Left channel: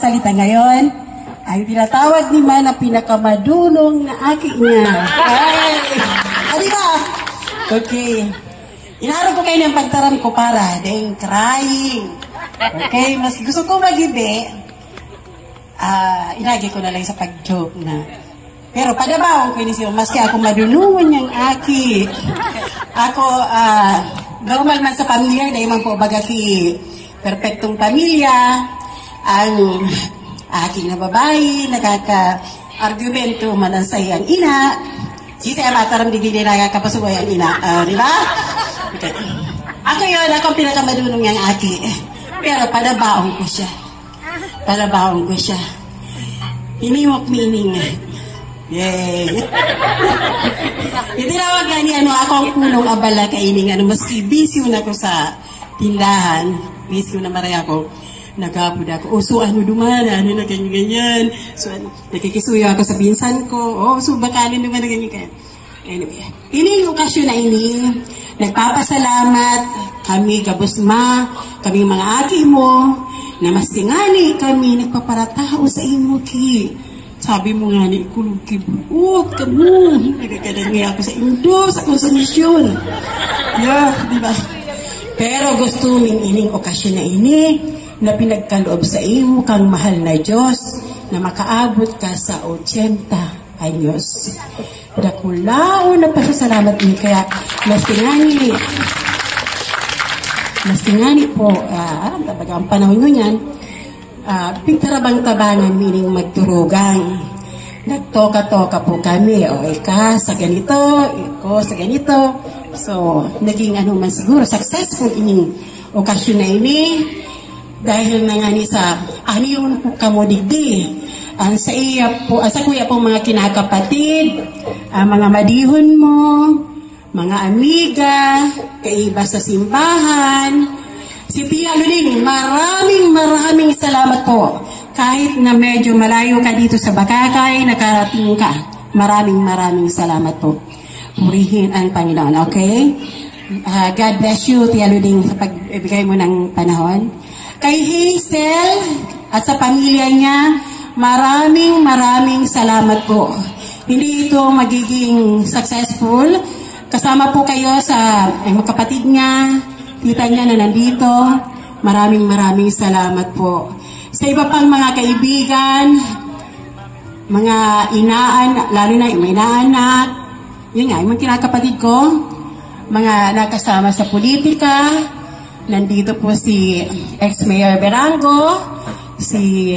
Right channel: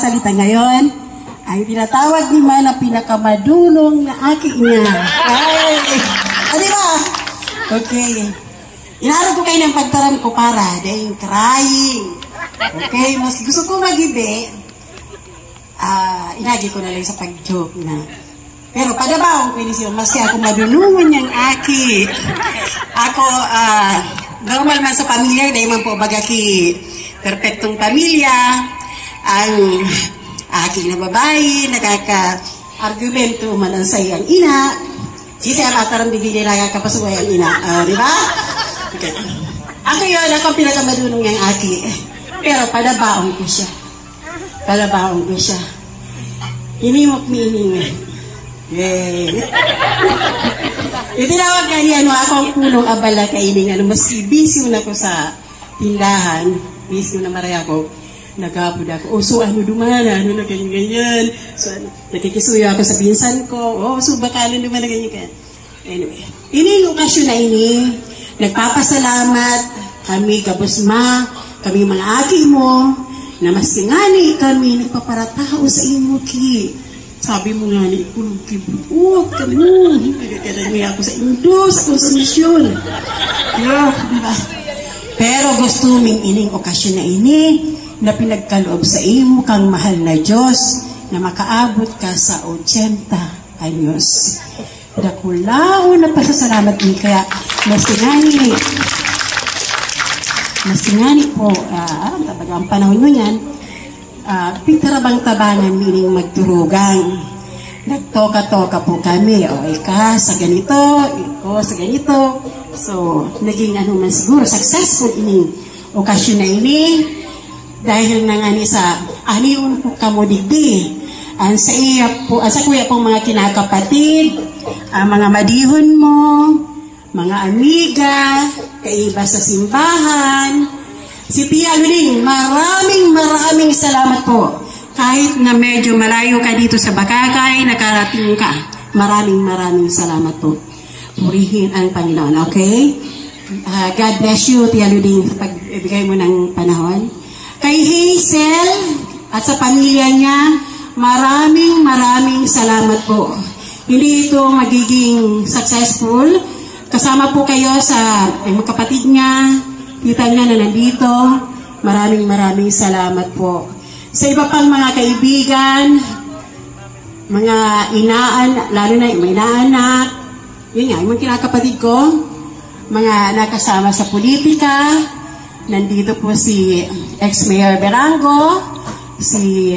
magsasalita ngayon ay tinatawag ni Man na pinakamadulong na aking niya. Ay! Di ba? Okay. Inarap ko kayo ng pagtaram ko para dahil crying. Okay? Mas gusto ko magibi, inagi ko na lang sa pag-joke na. Pero padabaw ko siya, maski ako madulungan niyang aki. Ako, normal man sa pamilya, dahil man po bagaki perfectong pamilya, ang aking na babae, nakaka-argumento man ang sayo ang ina, kasi ang matarang bigyan nila kapasuway ang ina. Di ba? Okay. Ako yun, ako pinakamadulong niyang aki. Pero padabaon ko siya. Padabaon ko siya. Inimok mining na. Yay! Itinawag nga niya, akong punong abala kainin, maski busy na ko sa tindahan, busy na maray ako, nagkapod ako, so ano dumana, na ganyan-ganyan, so nakikisuyo ako sa pinsan ko, so bakalin dumana ganyan-ganyan. Anyway, ini yung okasyon na ini, nagpapasalamat kami kabusma, kami mga aki mo, na mas tingani kami nagpaparatao sa imo ki. Sabi mo nga ni kulog kibuot ka mo. Nagkakadangi ako sa indos, ako sa misyon. Yeah, diba? Pero gusto ming ining okasyon na ini na pinagkaloob sa iyo kang mahal na Diyos na makaabot ka sa 80 anyos. Dakulao na pasasalamat ni kaya mas tingani po, ang panahon nyo yan, pintarabang-tabangan meaning magturugan. Nagtoka-toka po kami, o ika sa ganito, iko sa ganito. So, naging ano man siguro, successful ining okasyon na ini. Dahil na nga ni sa aniyon po kamudigdi. Ang sa iya po, sa kuya pong mga kinakapatid, mga madihon mo, mga amiga, kaiba sa simbahan, si Tia Luling, maraming salamat po. Kahit na medyo malayo ka dito sa Bakakay, nakarating ka. Maraming salamat po. Purihin ang Panginoon, okay? God bless you, Tia Luling, sa pagbigay mo ng panahon. Kay Hazel at sa pamilya niya, maraming salamat po. Hindi ito magiging successful. Kasama po kayo sa kapatid niya, tita niya na nandito. Maraming salamat po. Sa iba pang mga kaibigan, mga inaan, lalo na yung inaanak, yun nga, yung mga kinakapatid ko, mga nakasama sa politika, nandito po si ex-mayor Berango, si